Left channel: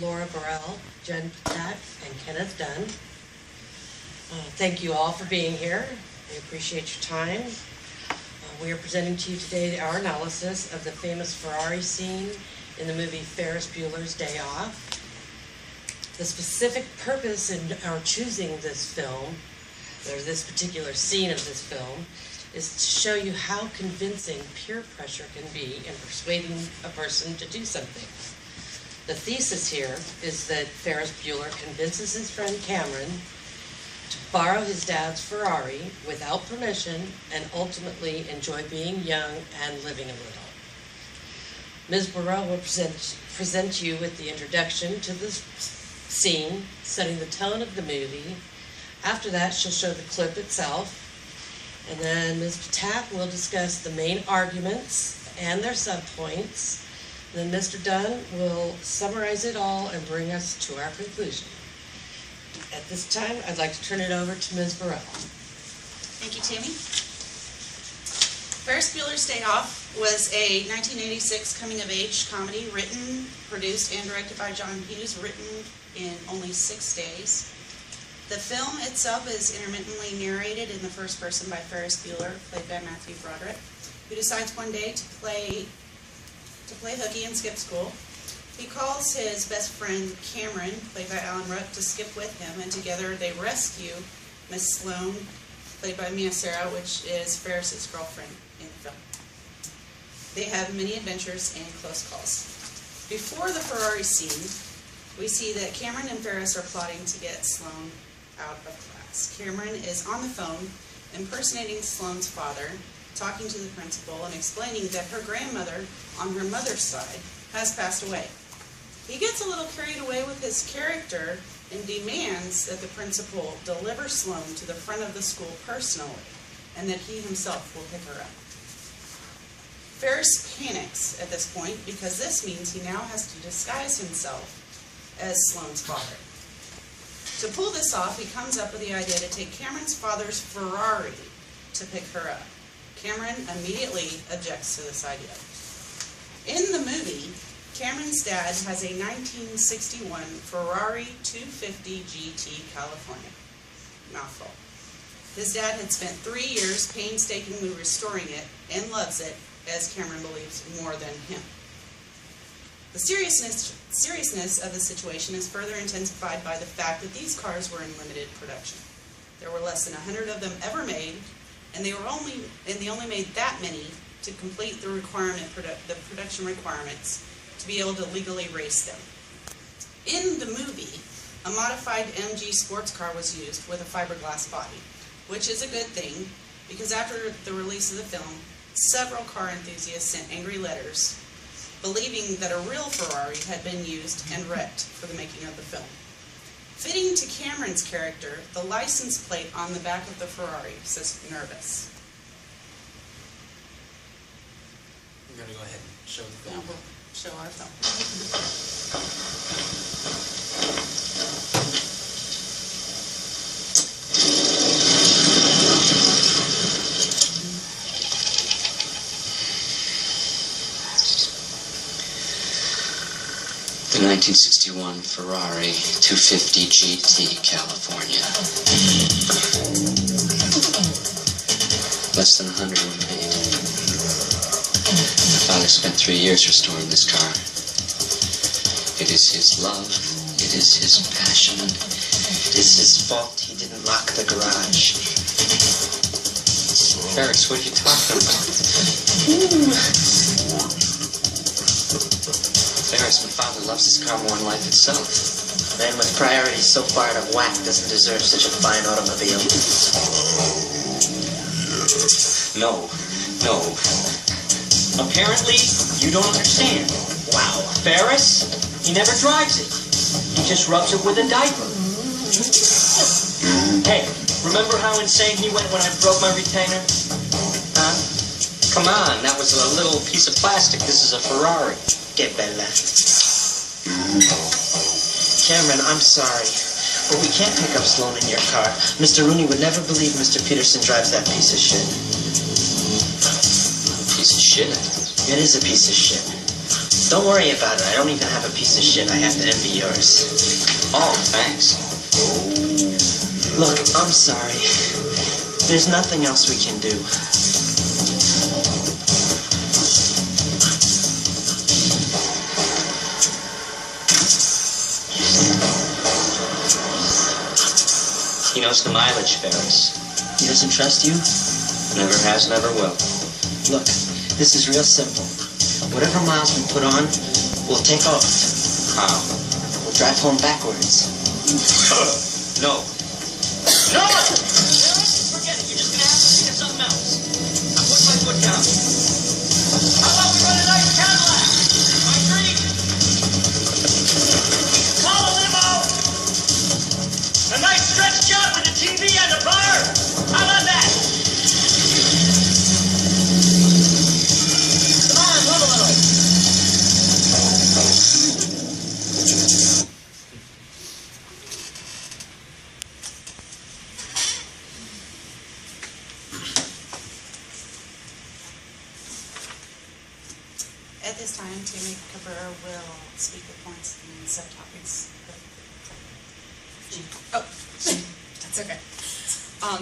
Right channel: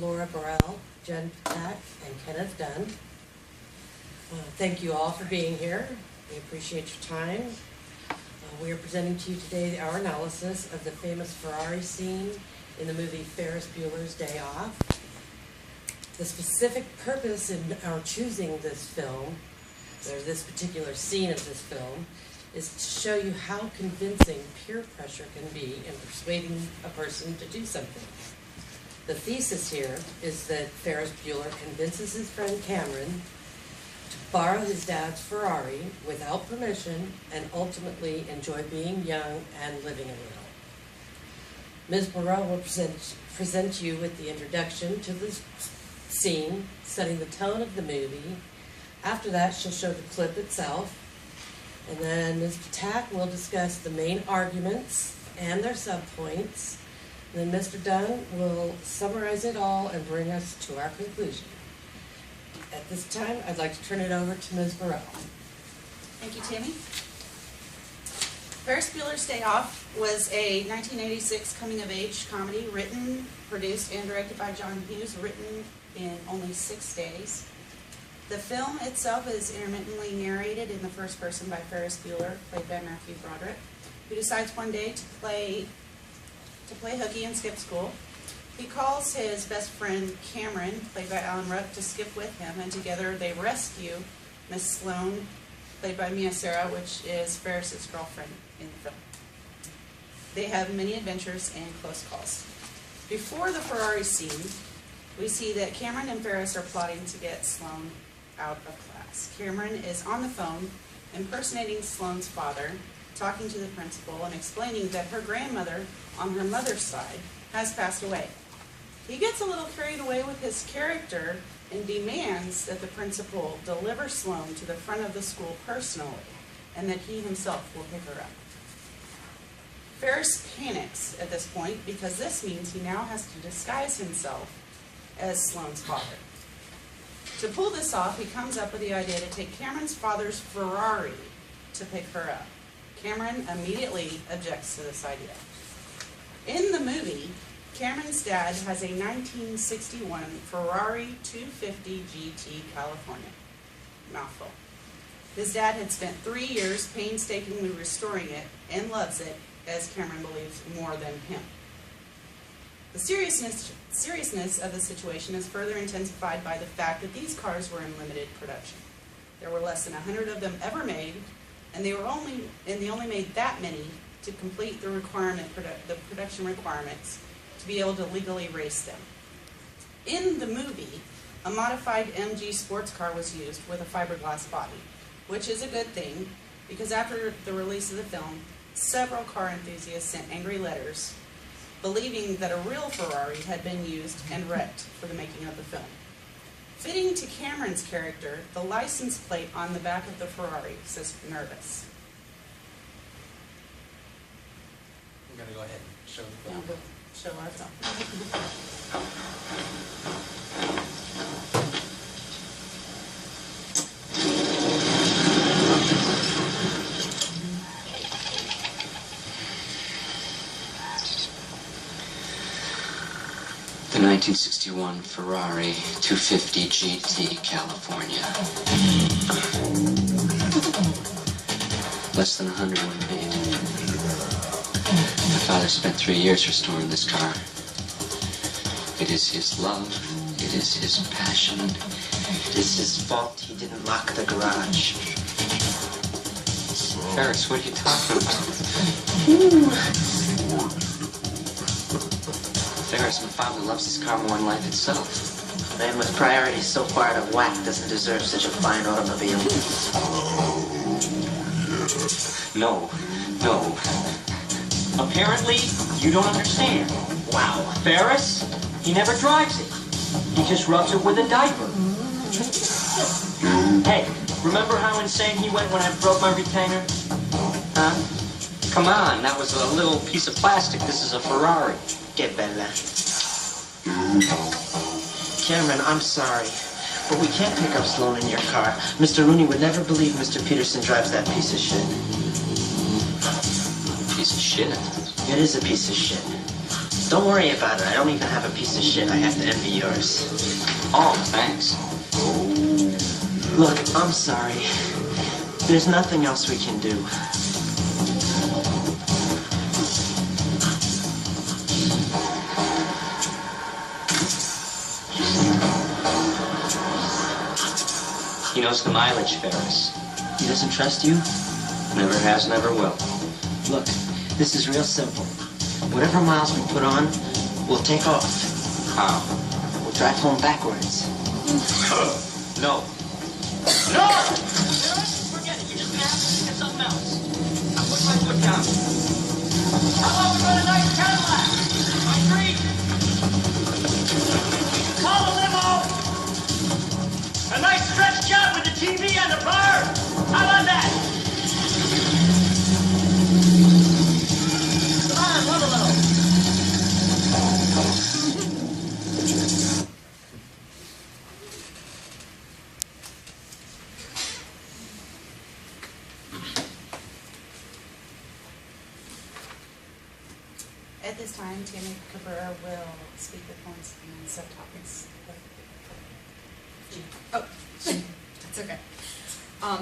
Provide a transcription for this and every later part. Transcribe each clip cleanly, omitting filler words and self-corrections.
Borel, Ptak and Kenneth Dunn. Thank you all for being here. We appreciate your time. We are presenting to you today our analysis of the famous Ferrari scene in the movie Ferris Bueller's Day Off. The specific purpose in our choosing this film, or this particular scene of this film, is to show you how convincing peer pressure can be in persuading a person to do something. The thesis here is that Ferris Bueller convinces his friend Cameron to borrow his dad's Ferrari without permission and ultimately enjoy being young and living a little. Ms. Borel will present you with the introduction to this scene, setting the tone of the movie. After that, she'll show the clip itself, and then Ms. Ptak will discuss the main arguments and their subpoints. Then Mr. Dunn will summarize it all and bring us to our conclusion. At this time, I'd like to turn it over to Ms. Borel. Thank you, Tami. Ferris Bueller's Day Off was a 1986 coming-of-age comedy written, produced, and directed by John Hughes, written in only 6 days. The film itself is intermittently narrated in the first person by Ferris Bueller, played by Matthew Broderick, who decides one day to play hooky and skip school. He calls his best friend Cameron, played by Alan Ruck, to skip with him, and together they rescue Miss Sloane, played by Mia Sara, which is Ferris's girlfriend in the film. They have many adventures and close calls. Before the Ferrari scene, we see that Cameron and Ferris are plotting to get Sloane out of class. Cameron is on the phone impersonating Sloane's father, talking to the principal and explaining that her grandmother on her mother's side has passed away. He gets a little carried away with his character and demands that the principal deliver Sloane to the front of the school personally and that he himself will pick her up. Ferris panics at this point because this means he now has to disguise himself as Sloane's father. To pull this off, he comes up with the idea to take Cameron's father's Ferrari to pick her up. Cameron immediately objects to this idea. In the movie, Cameron's dad has a 1961 Ferrari 250 GT California. Mouthful. His dad had spent 3 years painstakingly restoring it and loves it, as Cameron believes, more than him. The seriousness of the situation is further intensified by the fact that these cars were in limited production. There were less than 100 of them ever made, and they only made that many to complete the production requirements to be able to legally race them. In the movie, a modified MG sports car was used with a fiberglass body, which is a good thing because after the release of the film, several car enthusiasts sent angry letters believing that a real Ferrari had been used and wrecked for the making of the film. Fitting to Cameron's character, the license plate on the back of the Ferrari says nervous. I'm going to go ahead and show the film. We'll show our film. The 1961 Ferrari 250 GT California. Less than 100 were made. My father spent 3 years restoring this car. It is his love. It is his passion. It is his fault he didn't lock the garage. Ferris, what are you talking about? Ferris, my father loves his car more than life itself. A man with priorities so far out of whack doesn't deserve such a fine automobile. No. Apparently, you don't understand. Wow. Ferris, he never drives it. He just rubs it with a diaper. Hey, remember how insane he went when I broke my retainer? Huh? Come on, that was a little piece of plastic. This is a Ferrari. Que bella. Cameron, I'm sorry, but we can't pick up Sloane in your car. Mr. Rooney would never believe Mr. Peterson drives that piece of shit. Piece of shit? It is a piece of shit. Don't worry about it. I don't even have a piece of shit. I have to envy yours. Oh, thanks. Look, I'm sorry. There's nothing else we can do. He knows the mileage, Ferris. He doesn't trust you? Never has, never will. Look, this is real simple. Whatever miles we put on, we'll take off. How? We'll drive home backwards. No. No! Forget it. You're just gonna have to think of something else. Now put my foot down. How about we run a nice Cadillac? My dream. Call a limo. A nice stretch job with the TV and the bar. How about that? Come on, move a little. At this time, Tami Cabrera will speak with points and subtopics. Oh, that's okay.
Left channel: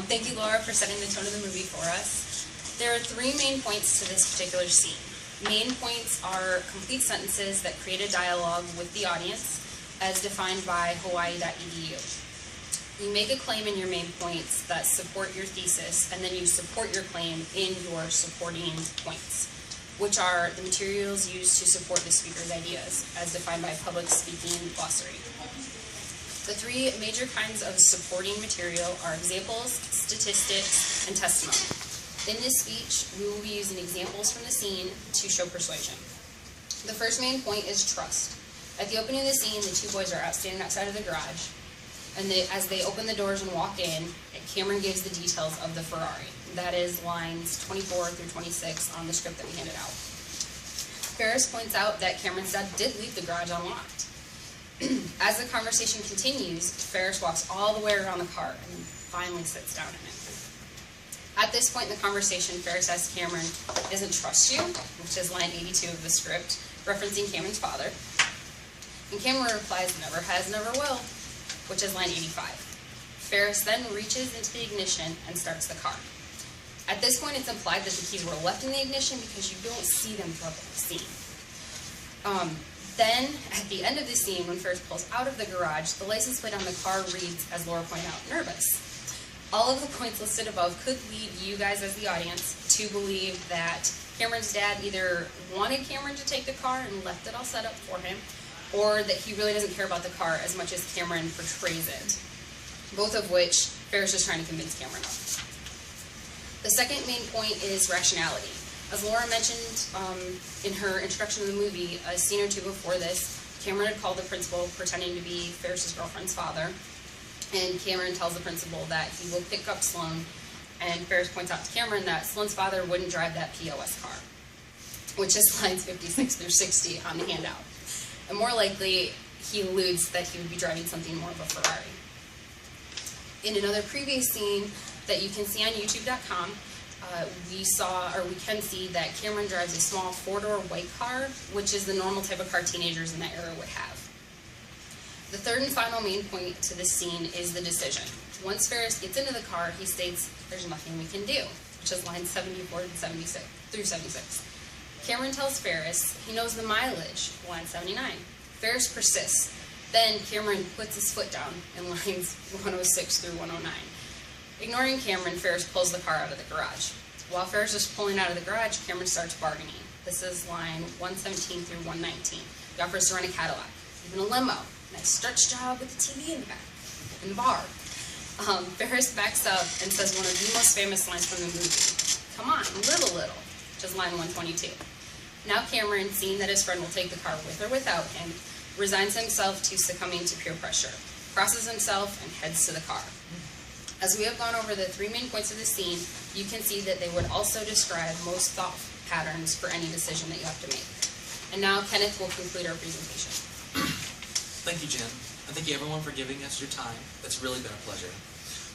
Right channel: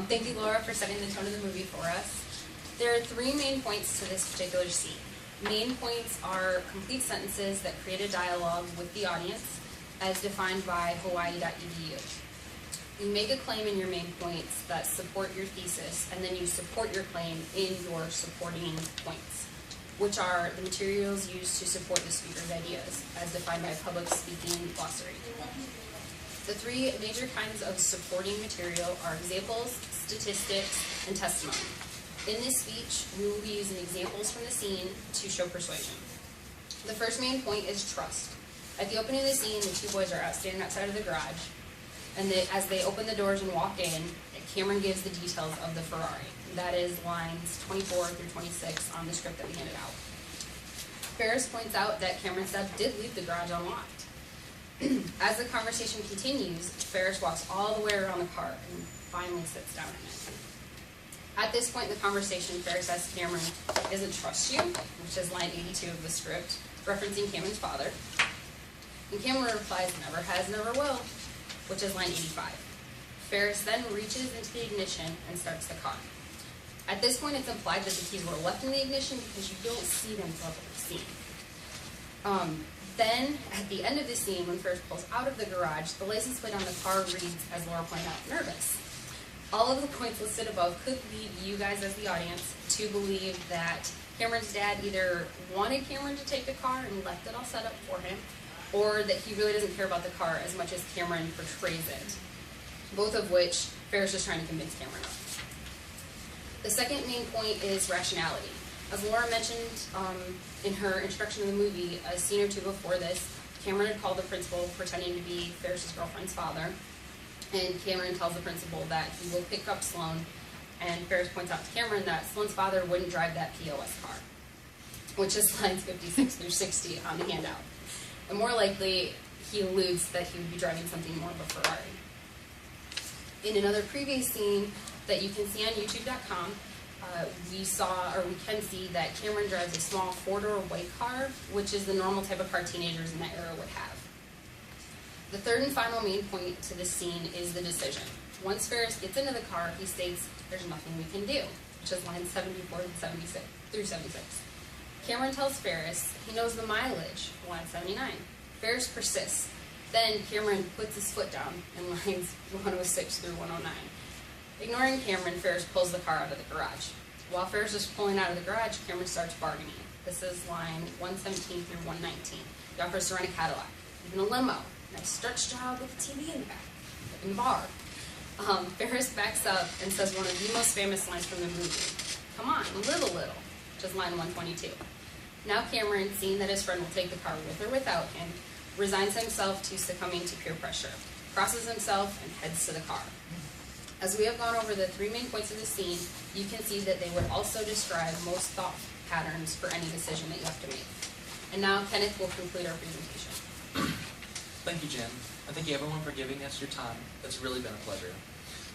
Thank you, Laura, for setting the tone of the movie for us. There are three main points to this particular scene. Main points are complete sentences that create a dialogue with the audience, as defined by hawaii.edu. You make a claim in your main points that support your thesis, and then you support your claim in your supporting points, which are the materials used to support the speaker's ideas, as defined by public speaking glossary. The three major kinds of supporting material are examples, statistics, and testimony. In this speech, we will be using examples from the scene to show persuasion. The first main point is trust. At the opening of the scene, the two boys are standing outside of the garage, and as they open the doors and walk in, Cameron gives the details of the Ferrari. That is lines 24 through 26 on the script that we handed out. Ferris points out that Cameron's dad did leave the garage unlocked. As the conversation continues, Ferris walks all the way around the car and finally sits down in it. At this point in the conversation, Ferris asks Cameron, "He doesn't trust you?" which is line 82 of the script, referencing Cameron's father. And Cameron replies, "Never has, never will," which is line 85. Ferris then reaches into the ignition and starts the car. At this point, it's implied that the keys were left in the ignition because you don't see them throughout the scene. Then, at the end of the scene, when Ferris pulls out of the garage, the license plate on the car reads, as Laura pointed out, nervous. All of the points listed above could lead you guys as the audience to believe that Cameron's dad either wanted Cameron to take the car and left it all set up for him, or that he really doesn't care about the car as much as Cameron portrays it. Both of which Ferris is trying to convince Cameron of. The second main point is rationality. As Laura mentioned in her introduction to the movie, a scene or two before this, Cameron had called the principal pretending to be Ferris's girlfriend's father, and Cameron tells the principal that he will pick up Sloan, and Ferris points out to Cameron that Sloan's father wouldn't drive that POS car, which is lines 56 through 60 on the handout. And more likely, he alludes that he would be driving something more of a Ferrari. In another previous scene that you can see on youtube.com, we can see that Cameron drives a small four-door white car, which is the normal type of car teenagers in that era would have. The third and final main point to this scene is the decision. Once Ferris gets into the car, he states, "There's nothing we can do," which is lines 74 through 76. Cameron tells Ferris he knows the mileage, line 79. Ferris persists. Then Cameron puts his foot down in lines 106 through 109. Ignoring Cameron, Ferris pulls the car out of the garage. While Ferris is pulling out of the garage, Cameron starts bargaining. This is line 117 through 119. He offers to rent a Cadillac, even a limo, nice stretch job with a TV in the back, in the bar. Ferris backs up and says one of the most famous lines from the movie, "Come on, little," which is line 122. Now Cameron, seeing that his friend will take the car with or without him, resigns himself to succumbing to peer pressure, crosses himself, and heads to the car. As we have gone over the three main points of the scene, you can see that they would also describe most thought patterns for any decision that you have to make. And now Kenneth will conclude our presentation. Thank you, Jen. And thank you everyone for giving us your time. It's really been a pleasure.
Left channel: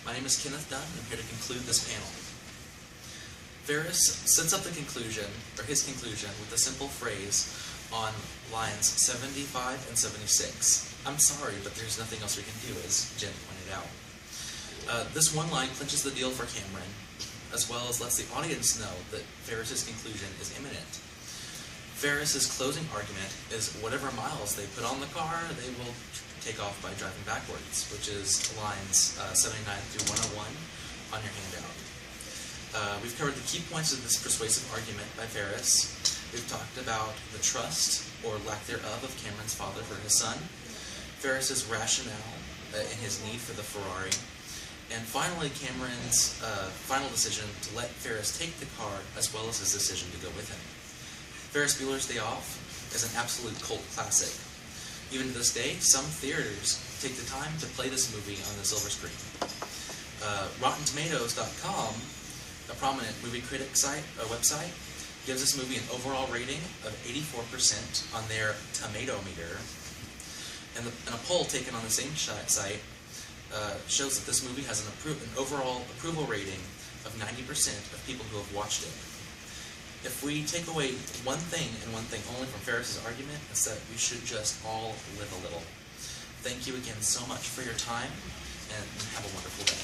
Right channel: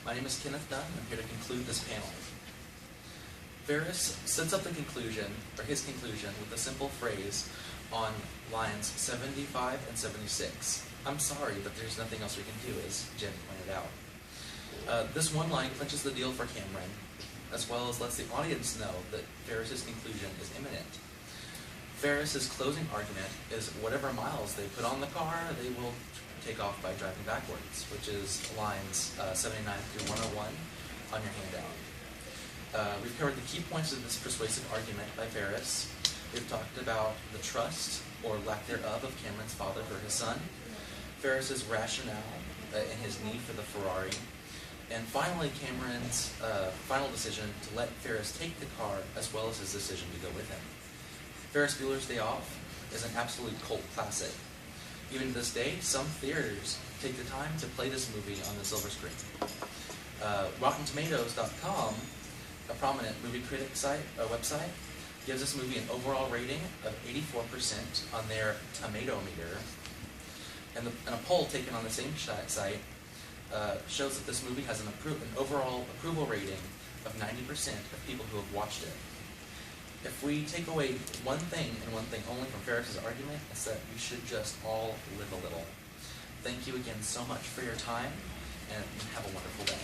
My name is Kenneth Dunn, and I'm here to conclude this panel. Ferris sets up the conclusion, or his conclusion, with the simple phrase, on lines 75 and 76. I'm sorry, but there's nothing else we can do, as Jen pointed out. This one line clinches the deal for Cameron, as well as lets the audience know that Ferris's conclusion is imminent. Ferris's closing argument is whatever miles they put on the car, they will take off by driving backwards, which is lines 79 through 101 on your handout. We've covered the key points of this persuasive argument by Ferris. We've talked about the trust, or lack thereof, of Cameron's father for his son, Ferris's rationale and his need for the Ferrari, and finally Cameron's final decision to let Ferris take the car, as well as his decision to go with him. Ferris Bueller's Day Off is an absolute cult classic. Even to this day, some theaters take the time to play this movie on the silver screen. RottenTomatoes.com, a prominent movie critic website, gives this movie an overall rating of 84% on their tomato meter. And a poll taken on the same site shows that this movie has an overall approval rating of 90% of people who have watched it. If we take away one thing and one thing only from Ferris's argument, it's that we should just all live a little. Thank you again so much for your time, and have a wonderful day.